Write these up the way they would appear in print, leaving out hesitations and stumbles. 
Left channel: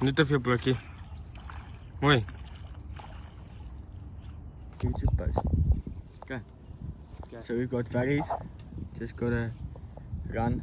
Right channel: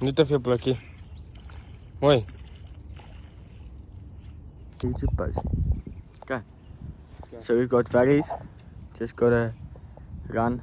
Niet te veel plakje. Hoi. YouTube post. Okay. So we've got veggies. Just gotta run.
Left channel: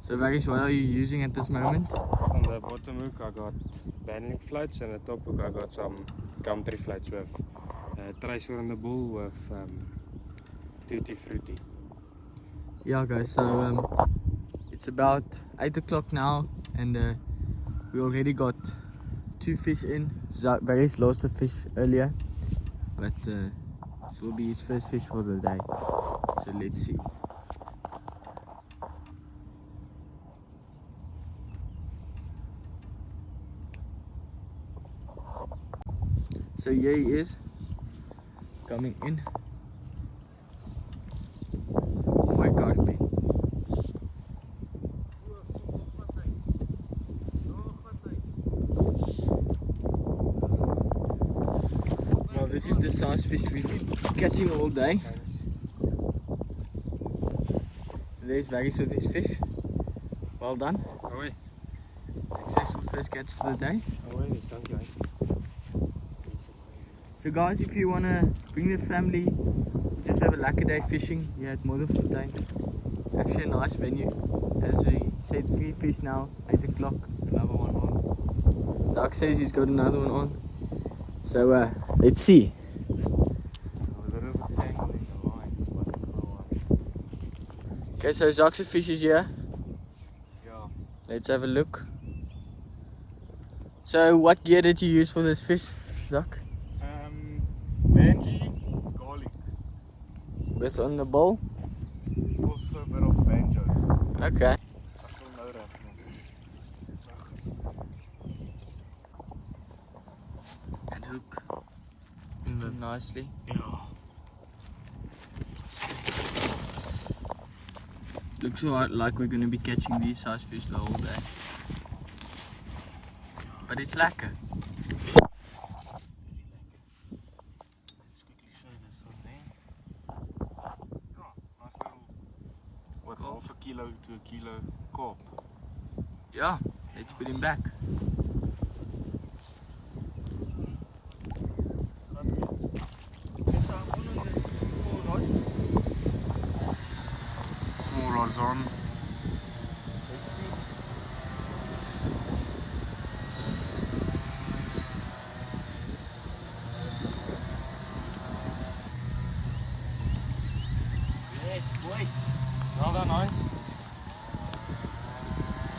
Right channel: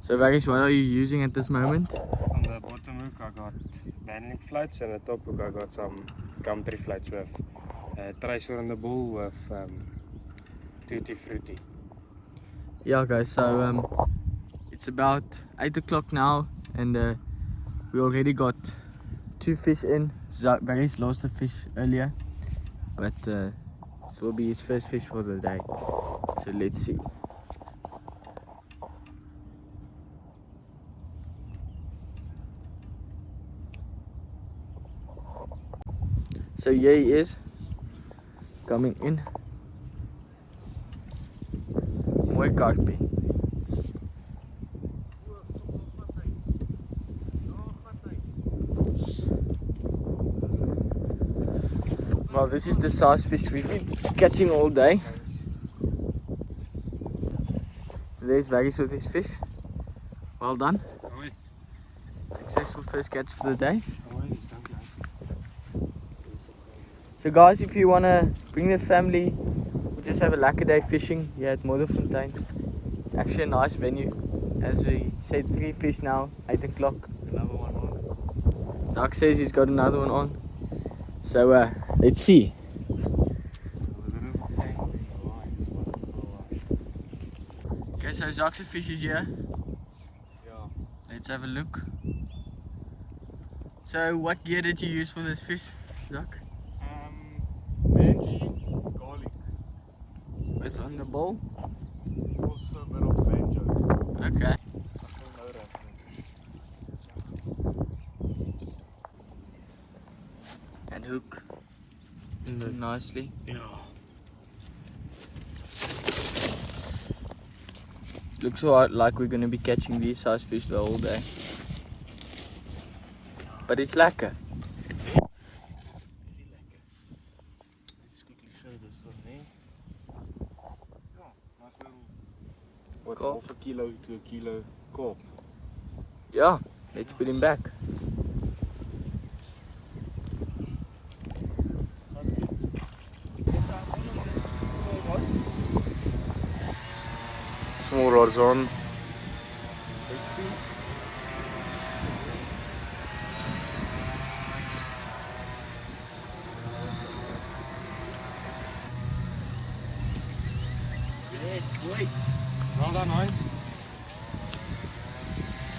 So veggies, what are you using at this moment? On the bottom hook I got banding floats, and the top hook I got some country floats with tracer on the bull with Tuti fruti. Yeah guys, so it's about 8 o'clock now, and we already got 2 fish in. Veggies lost a fish earlier, but this will be his first fish for the day. So let's see. So here he is, coming in. Mooi karpie. Well, this is the size fish we've been catching all day. So there's Vaggies with his fish. Well done. Hoi. Successful first catch for the day. Hoi, dank jy. So guys, if you want to bring the family, just have a lekker day fishing here at Modderfontein. It's actually a nice venue. As we said, 3 fish now, 8 o'clock. Another one on. Zach says he's got another one on. So let's see. Okay, so Zach's fish is here. Let's have a look. So what gear did you use for this fish, Zach? Banji, garlic. With on the bowl? Also a bit of banjo. Okay. And hook nicely. Yeah. Looks like we're going to be catching these size fish the whole day. But it's lekker. Let's quickly show this one there. Oh, nice little. What, Carp? half a kilo to a kilo carp. Yeah, let's put him back. Small rods on. Let's see. Yes, boys. Well done, Heinz.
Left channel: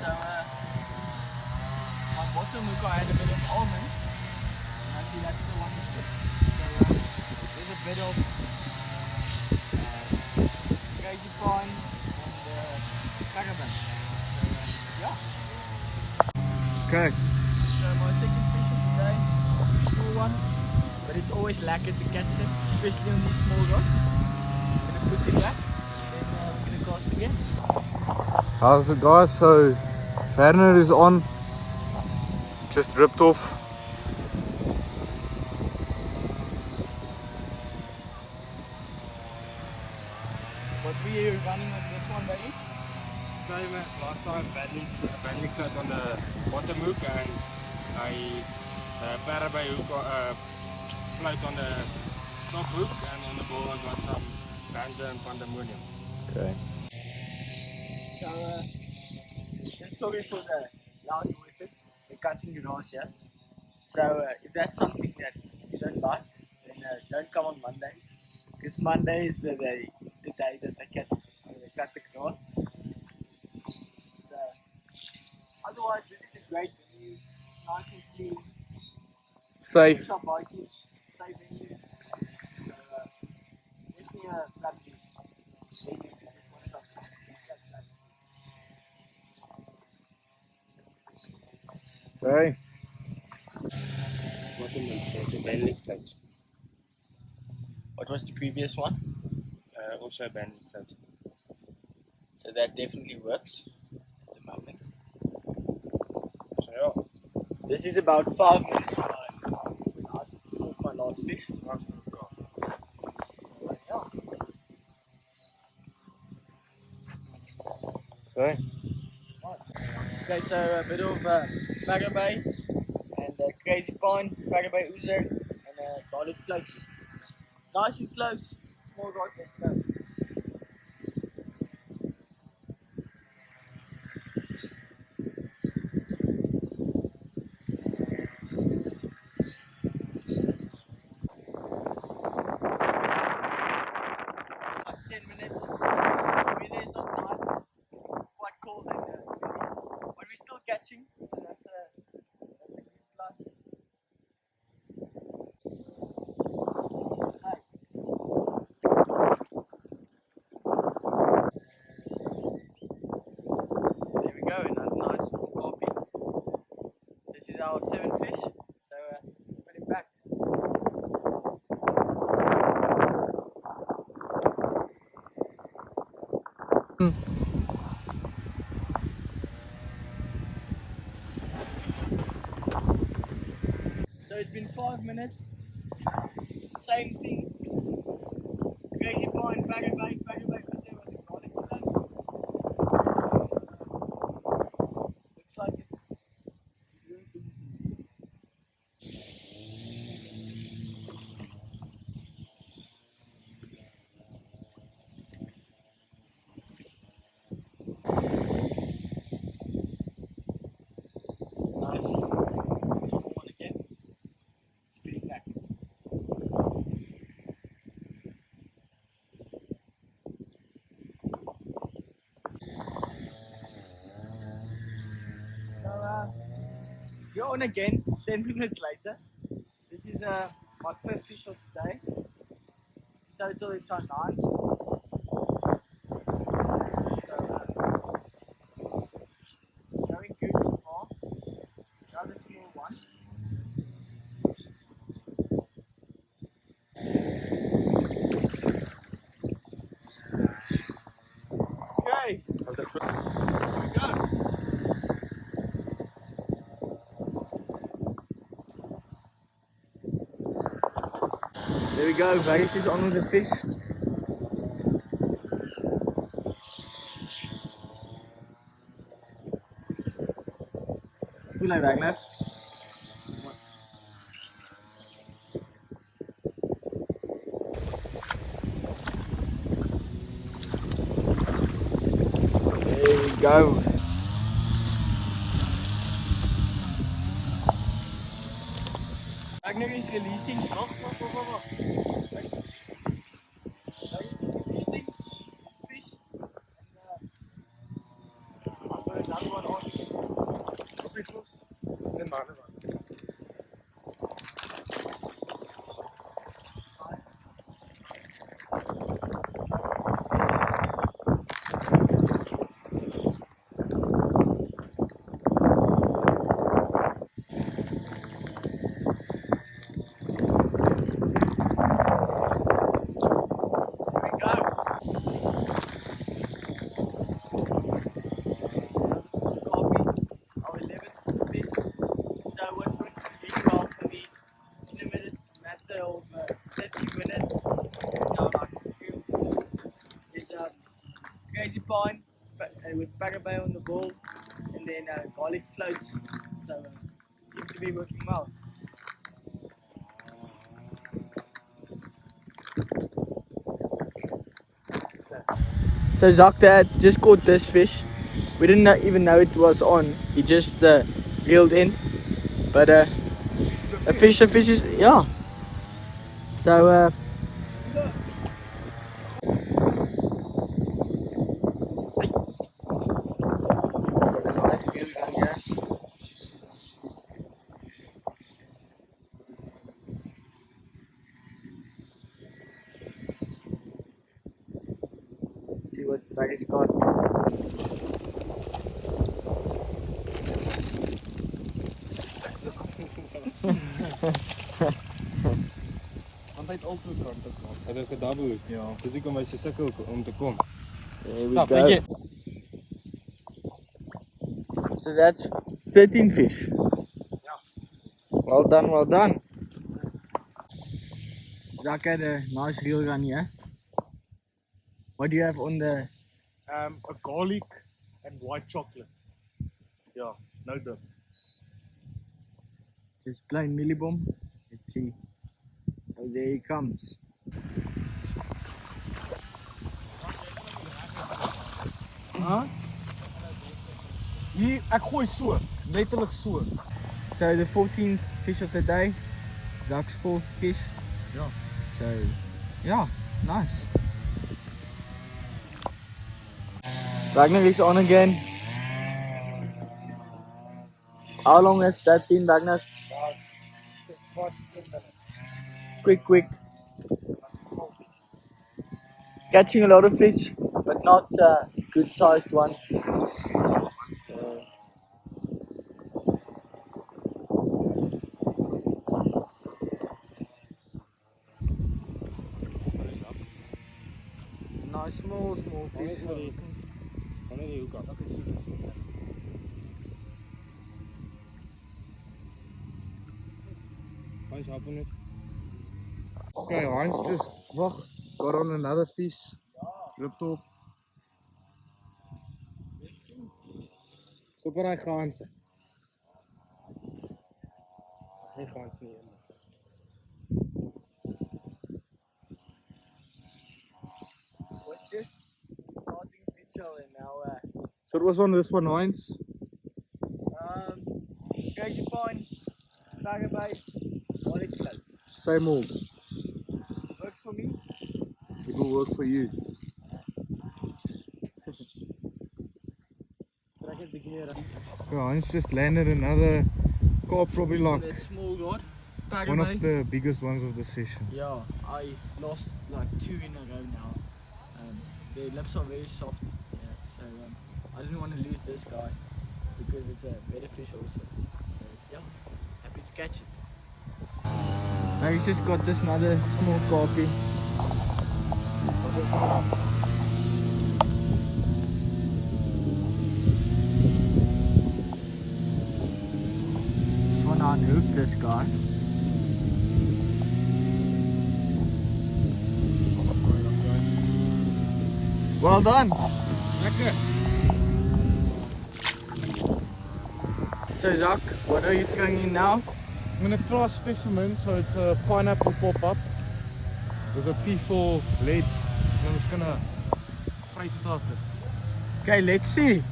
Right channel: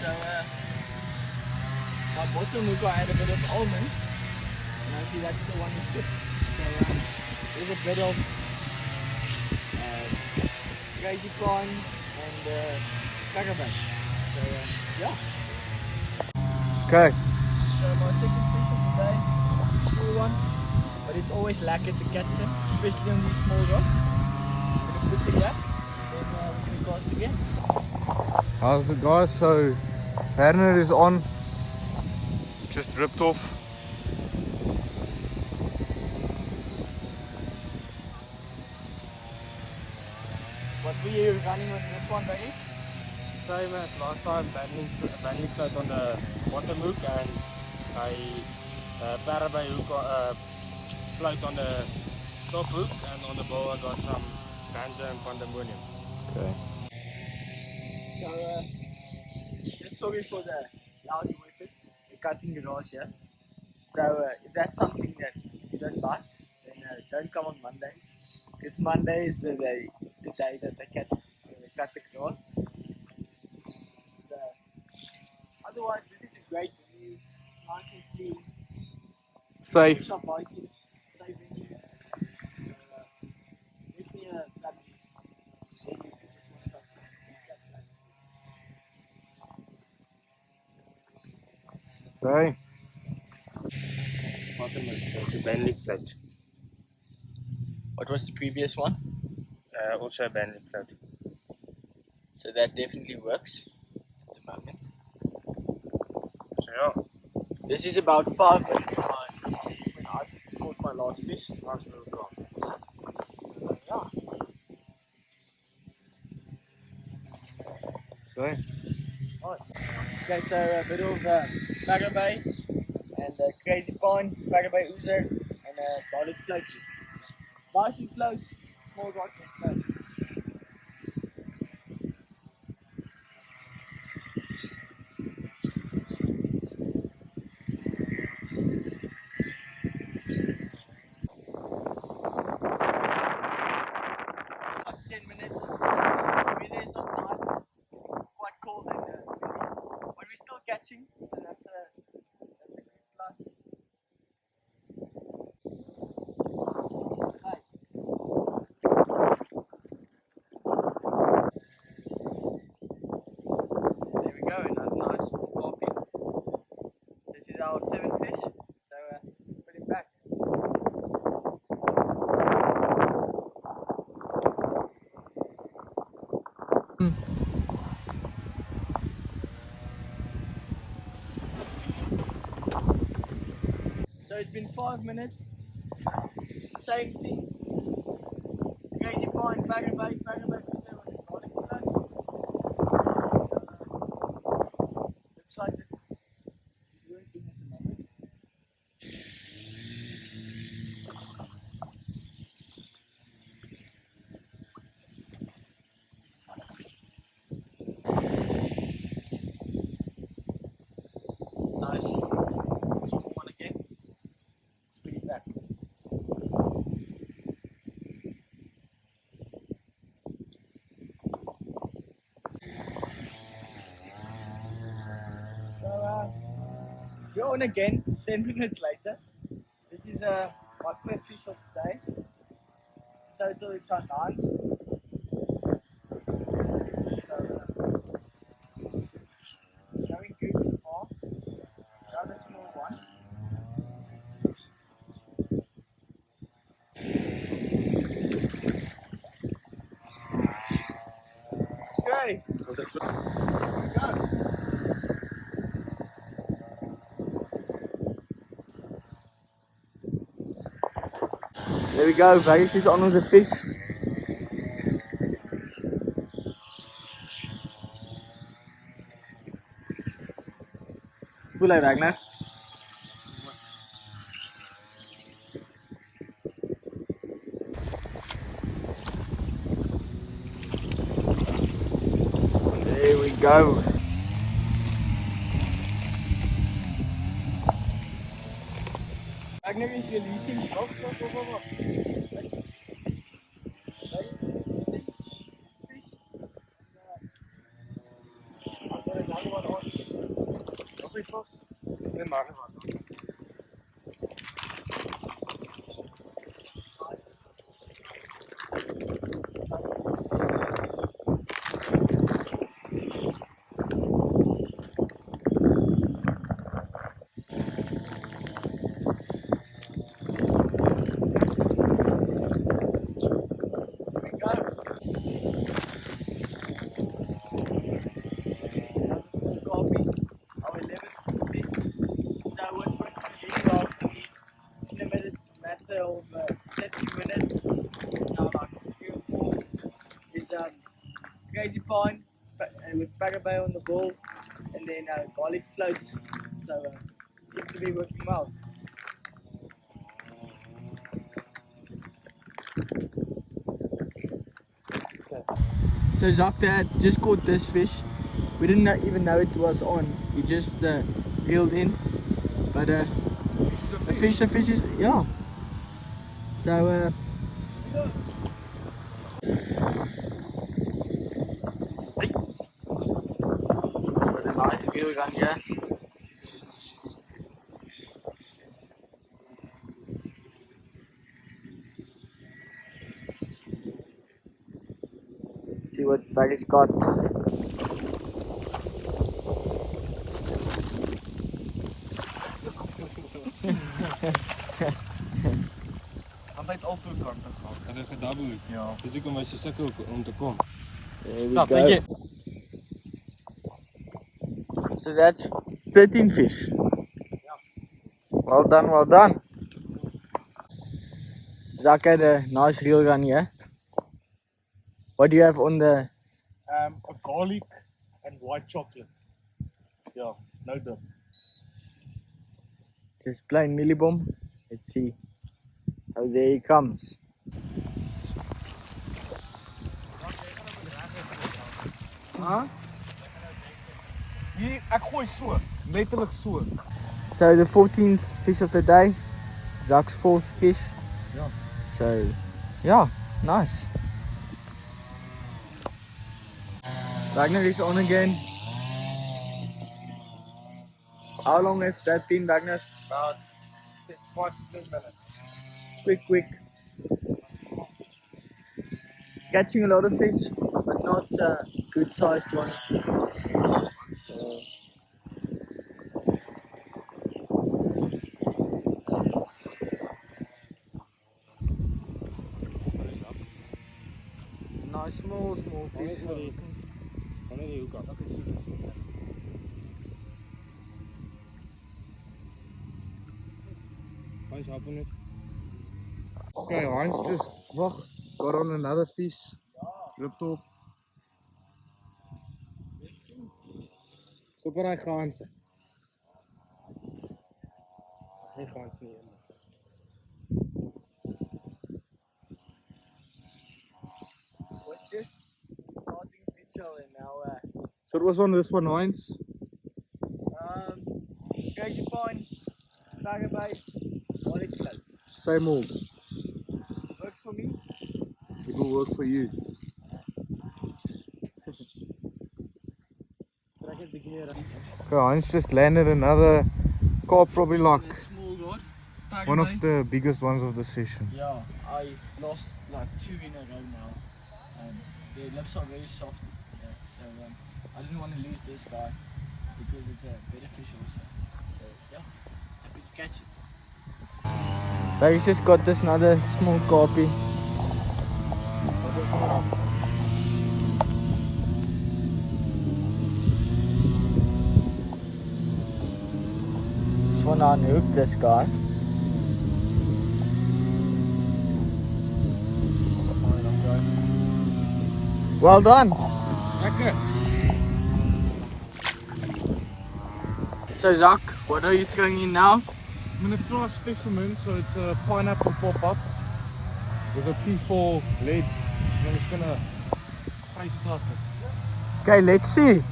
So my bottom hook I had a bit of almond, and I see that's the one you took. So there's a bit of crazy prawn and caravan. So yeah. Okay. So my second fish of the day, small one, but it's always lekker to catch them, especially on these small rocks. I'm gonna put it back, then we're gonna cast again. How's it, guys? So Werner is on. Just ripped off. What were you running on this one, Vaggies? Same as last time, banding float on the bottom hook and a perdeby hook float on the top hook, and on the bowl I got some banjo and pandemonium. Okay. So just sorry for the loud noises. We're cutting grass here. So if that's something that you don't like, then don't come on Mondays. Because Monday is the day that they cut the grass. Otherwise, this is a great venue, nice and clean. Safe. Shop biking, safe venue. So, give me a flat view. Maybe if you just want something, that's that. Okay. Bottom hook, it's a banding float. What was the previous one? Also a banding float. So that definitely works at the moment. So yeah. This is about 5 minutes from when I caught my last fish. Nice little carp. Yeah. Okay, so a bit of perdeby and crazy pine, perdeby oozer, and garlic floaty. Nice and close, small rock and close. About 10 minutes. Weather is not nice, quite cold and but we're still catching, so that's a good plus. Hi. There we go, another nice small copy. This is our 7th fish, so put him back. So it's been 5 minutes, same thing, crazy pine, perdeby, perdeby oozer with a garlic float. Looks like it's working at the moment. Nice. Small one again. Spit it back. So you're on again 10 minutes later. This is my 5th fish of the day. Total it's on 9. So going good so far. Another small one. Okay, here we go. There we go, Vegas is on with the fish. Voel hy Ragnar? There we go. Ragnar is releasing. Wag. Ragnar is releasing fish. I've got another one on. Op die vos. Net maar. Of 30 minutes, now like 3 or 4 is crazy pine with perdeby on the ball and then garlic floats, so seems to be working well. So Zach Dad just caught this fish. We didn't even know it was on. He just reeled in, but a fish is, yeah. So got a nice reel gun here. See what Baggy's got. Altyd altoe kante gaan. Het is gedouble. Ja. Dis hoekom hy so sukkel om te kom. Stop, thank you. So that's 13 fish. Yeah. Well done, well done. Zach had a nice reel gun here. What do you have on the? A garlic and white chocolate. Yeah, no dip. Just plain millibom. Let's see. Oh, there he comes. Hier, ek gooi so, letterlik so. So the 14th fish of the day. Zach's 4th fish. Ja. So, yeah, nice. Ragnar is on again. How long has that been, Ragnar? About 5 to 10 minutes. Quick. Catching a lot of fish, but not good sized ones. Nice small fish. Wanneer die hoek af. Hans, help net. Okay, Hans just got on another fish. Ripped off. Super hy Hans. Hy Hans nie. What's this? Starting picture and now So it was on this one, Hans. Crazy Pine, perdeby, wallet close. Same old. Works for me. It will work for you. Okay, Hans just landed another carp, probably like That small rod. one of the biggest ones of the session. Yeah, I lost like 2 in a row now. The lips are very soft. Yeah, so I didn't want to lose this guy because it's a better fish also. So yeah, happy to catch it. So he's just got this another small carpy. Just want to unhook this guy. Well done. Lekker. So Zach, what are you throwing in now? I'm gonna try a specimen, so it's a pineapple pop-up with a P4 lead. And I'm just gonna fry start it. Okay, let's see.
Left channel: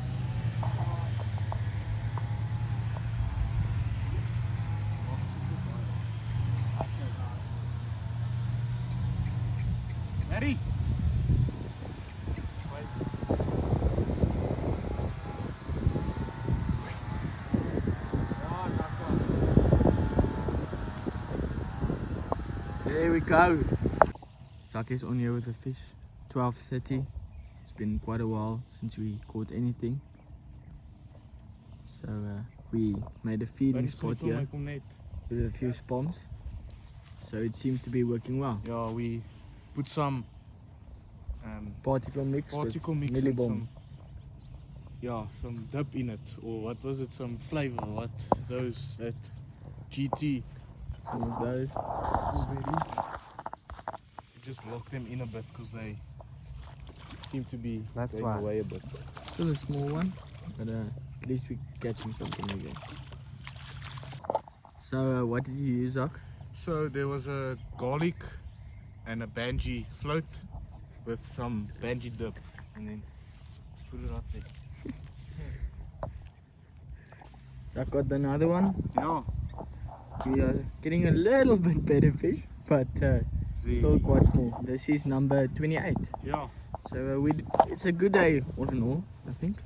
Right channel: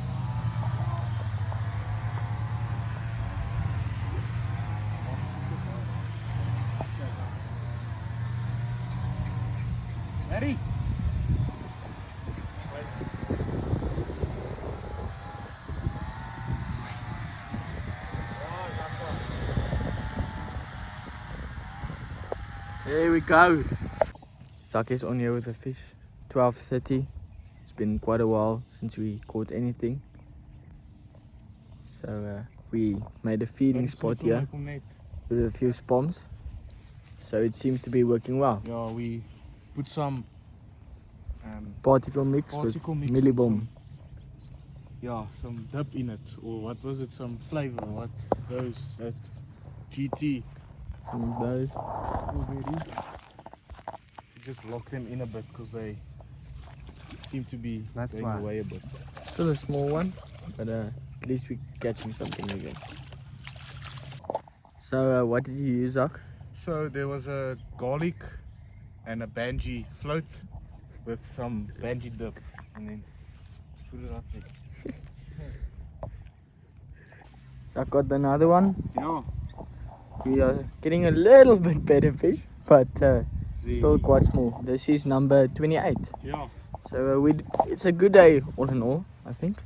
Ready? There we go. Zach is on here with the fish. 12:30. It's been quite a while since we caught anything. So we made a feeding spot here with a few spawns. So it seems to be working well. Yeah, we put some Particle mix particle with mix and millibom. some dip in it, or what was it, some flavor, that GT, Some of those. strawberry. We just lock them in a bit because they seem to be going away a bit. Still a small one, but at least we're catching something again. So what did you use, Zach? So there was a garlic and a banji float with some banji dip, and then put it up there. Zach got another one. Yeah. We are getting a little bit better fish, but still quite small. This is number 28. Yeah. So it's a good day all in all, I think.